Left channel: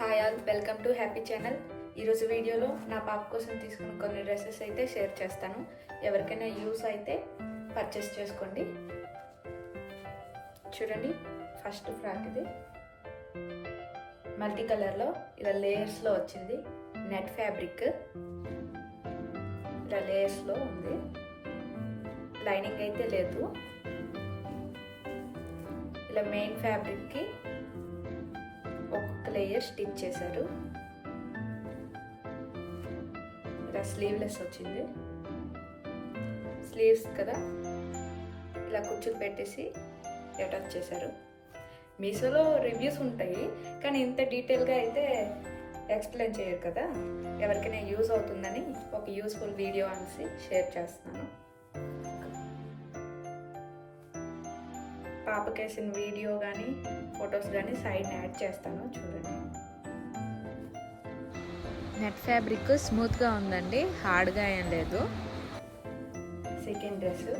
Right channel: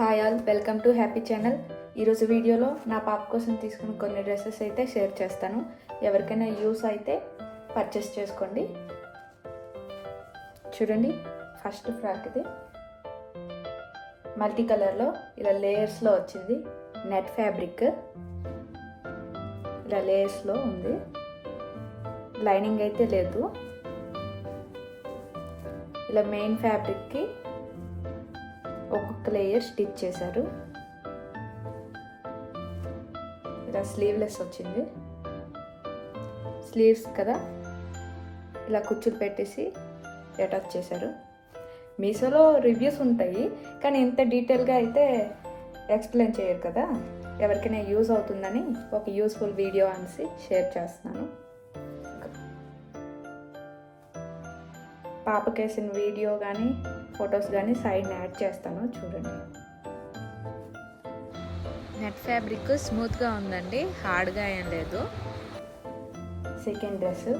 Hi all, welcome to happy channel. ఈరోజు వీడియోలో నా పాప కోసం తీసుకున్న కొన్ని డ్రెస్సెస్ అయితే షేర్ చేస్తాను. ఎవరికైనా యూస్ అయితే పర్చేస్ చేసుకోండి. చూడండి, ఫస్ట్ ఫ్రాక్ ఇది మల్టీ కలర్లో ఇలా లేయర్స్లో వచ్చింది. నెట్ ఫ్యాబ్రిక్ ఇలా లేయర్స్లో ఉంది. లైనింగ్ అయితే లేదు. ఇలా మెయిన్ ఫ్యాబ్రిక్కి ఒక్కొక్క లేయర్ స్టిచ్ చేశారు. ఇలా స్లీవ్లెస్ వచ్చింది. స్లీవ్స్ కదా ఇలా కుచ్చులు పెట్టేసి అటాచ్ చేశారు. మీషోలో రివ్యూస్ ఉంటాయి, కానీ ఇంత డీటెయిల్గా అయితే ఎక్స్ప్లెయిన్ చేయరు కదా. ఎవరికైనా యూజ్ అవుతుందని ఒక యూస్ఫుల్ వీడియో అనేసి షేర్ చేస్తున్నాను. పాపకేసిన వీడియో కానీ ఫొటోస్ కానీ సైడ్ని యాడ్ చేస్తాను, చూడండి. నెట్ ఫ్యాబ్రిక్ స్మూత్గా ఉందండి, హార్డ్గా ఏం లేదు. సెకండ్ డ్రెస్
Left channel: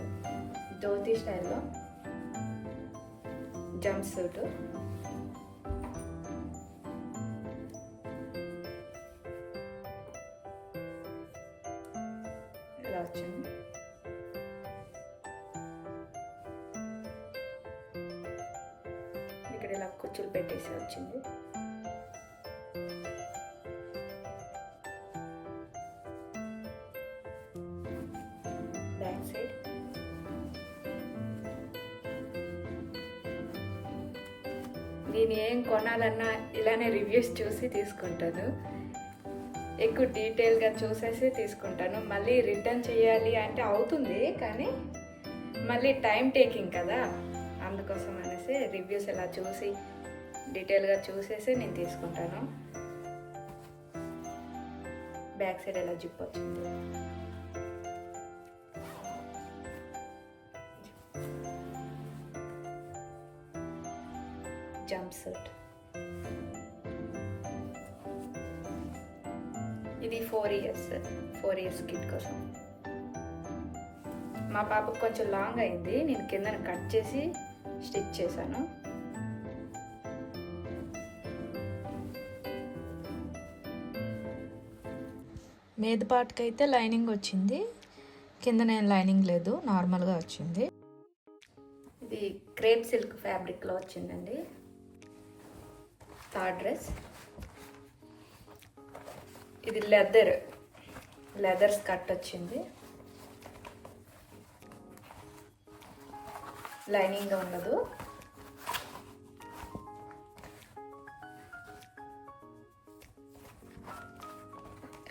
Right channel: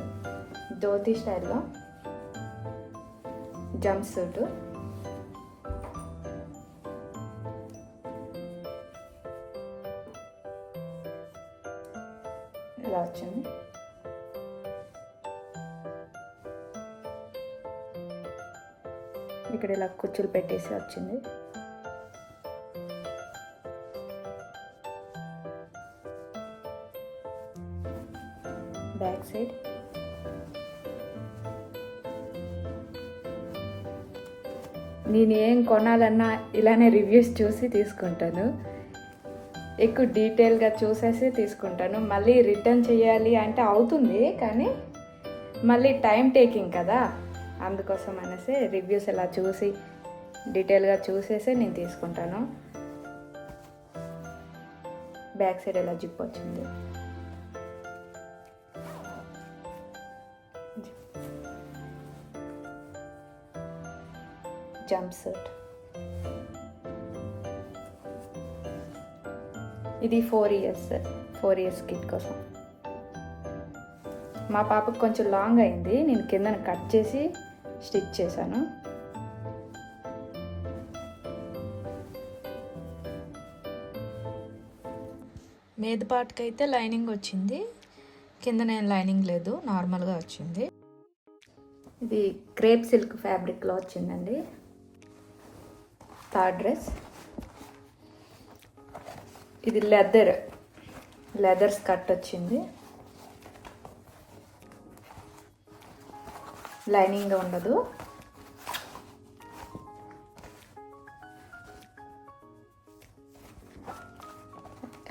ధోతి స్టైల్లో జంప్ సూట్. ఇలా వచ్చింది. ఇక్కడ ఇలా కుచ్చులు పెట్టేసి వచ్చింది. బ్యాక్ సైడ్ నేను ఏం కొనాలన్నా ఇలానే రివ్యూస్ చూసి తీసుకుంటాను. ఎక్కువ డీటెయిల్గా చూసేసి తీసుకుంటాను. మళ్ళీ రిటర్న్ చేయాలి అంటే అవుతుంది, కానీ మళ్ళీ టైం టేకింగ్ కదా. అందుకోసం అనేసి రివ్యూస్ ఇలా చూసి డీటెయిల్గా చూసేసి నేను తీసుకుంటాను. బ్యాక్ సైడ్ ఎలా జిప్ వచ్చింది. జంప్ సూట్ ఇది 4 ఇయర్స్ కిడ్ కోసం. మా పాపకు కొంచెం లాంగ్ అయింది, నేను కిందన కట్ చేసి స్టిచ్ చేశాను. మీద పార్ట్కి అయితే లైనింగ్ వచ్చింది, కింద నేను లైనింగ్ లేదు, నార్మల్గా వచ్చింది. ఇది క్రేప్ సిల్క్ ఫ్యాబ్రిక్లో వచ్చిందండి. థర్డ్ డ్రెస్ ఇది లెదర్ స్కర్ట్ వచ్చింది. లైనింగ్ ఉండదు.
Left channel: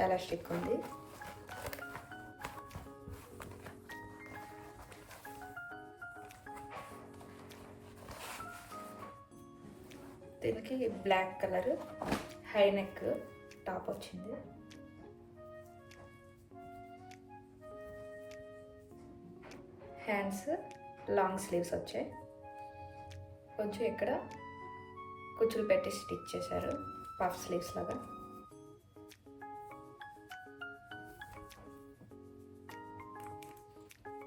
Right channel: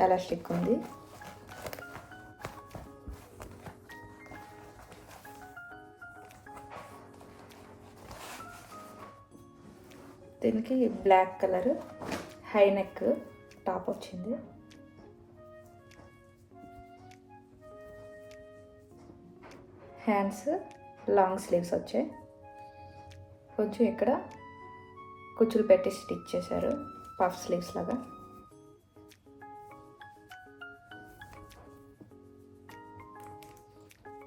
ఎలాస్టిక్ ఉంది. దీనికి black colour high neck top వచ్చింది. హ్యాండ్స్ లాంగ్ స్లీవ్స్ వచ్చాయి. కొంచెం ఇక్కడ కుచ్చులు పెట్టి స్టిచ్ చేశారు, పఫ్ స్లీవ్స్ లాగా.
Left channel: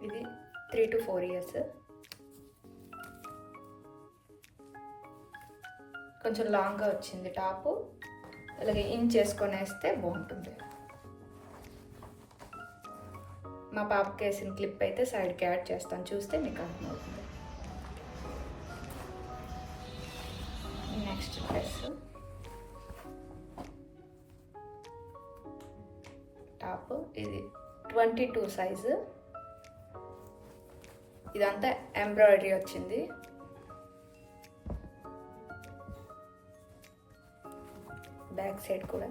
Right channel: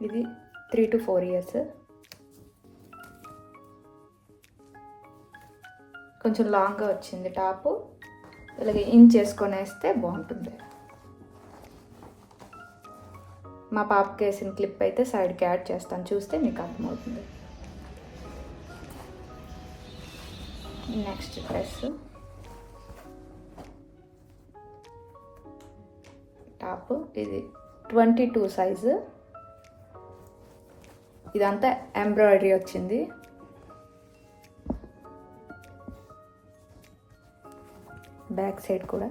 ఇది 3 to 4 ఇయర్స్. కొంచెం లాంగ్గా వచ్చింది టాపు. ఇలాగే ఇంచ్ చేసుకొని వేస్తే బాగుంటుంది. మా పాపకి వేసిన క్లిప్ అయితే సైడ్కి యాడ్ చేస్తాను, చూస్తే మీకు అర్థమవుతుంది. నెక్స్ట్ డ్రెస్ టాప్ ఇది 22 సైజు. ఇదంతా ఎంబ్రాయిడరీ వచ్చింది. బ్యాక్ సైడ్ కూడా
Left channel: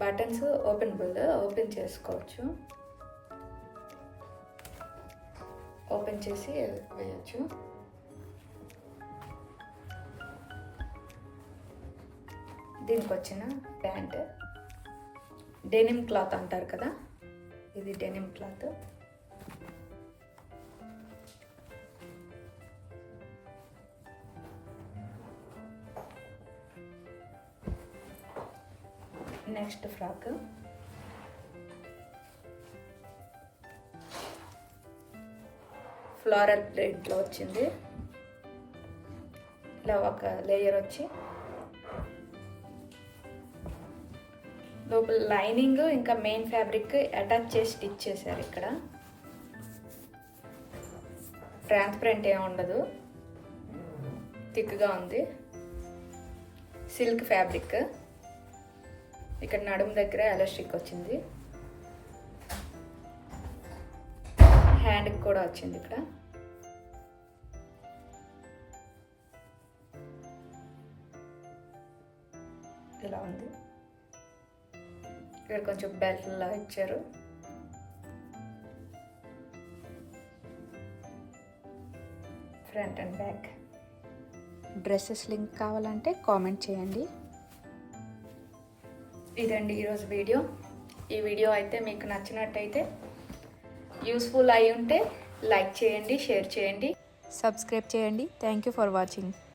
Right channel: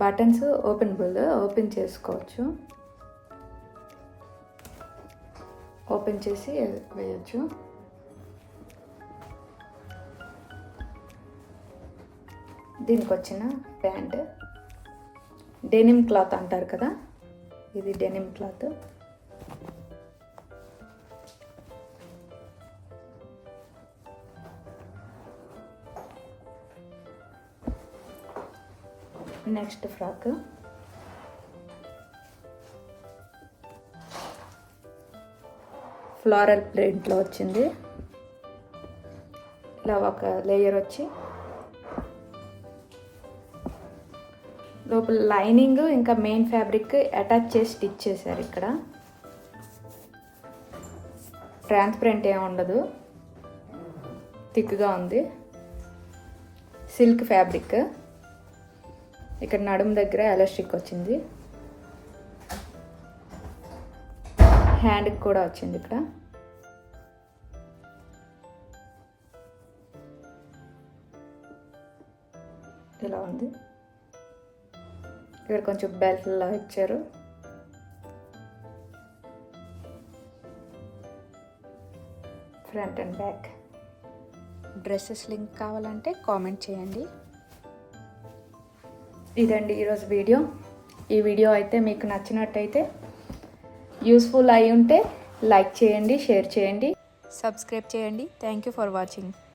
బటన్స్ ఓపెన్ చేసుకోవచ్చు. ఓపెన్ చేసి వేయచ్చు. దీనికి వచ్చిన ప్యాంట్ డెనిమ్ క్లాత్ అంటారు కదా, ఇది denim cloth. Next frock floral ప్రింట్లో వచ్చింది. ఇలా ఒక లేయర్ వచ్చి లోపల లైనింగ్ ఇంకా మెయిన్ ఫ్యాబ్రిక్ అటాచ్ చేసి స్టిచ్ చేశారు. ఇక్కడ ట్రాన్స్పరెంట్ ఏమి ఉండదు, థిక్గా ఉంది. Silk fabric. ఇక్కడ నడుము దగ్గర ఎలాస్టిక్ వచ్చింది, హ్యాండ్కి కూడా వచ్చింది. ఇక్కడ ఇలా ఉంది. ఇక్కడ కొంచెం బెల్ట్లా ఇచ్చారు. Front and back. Dresses link కావాలంటే కామెంట్ చేయండి. ఇదండి ఈరోజు వీడియో. ఈ వీడియో అయితే మీకు నచ్చినట్టయితే, యూస్ఫుల్ అయి ఉంటే లైక్ చేయండి, షేర్ చేయండి, సబ్స్క్రైబ్ చేయండి. Thank you for watching.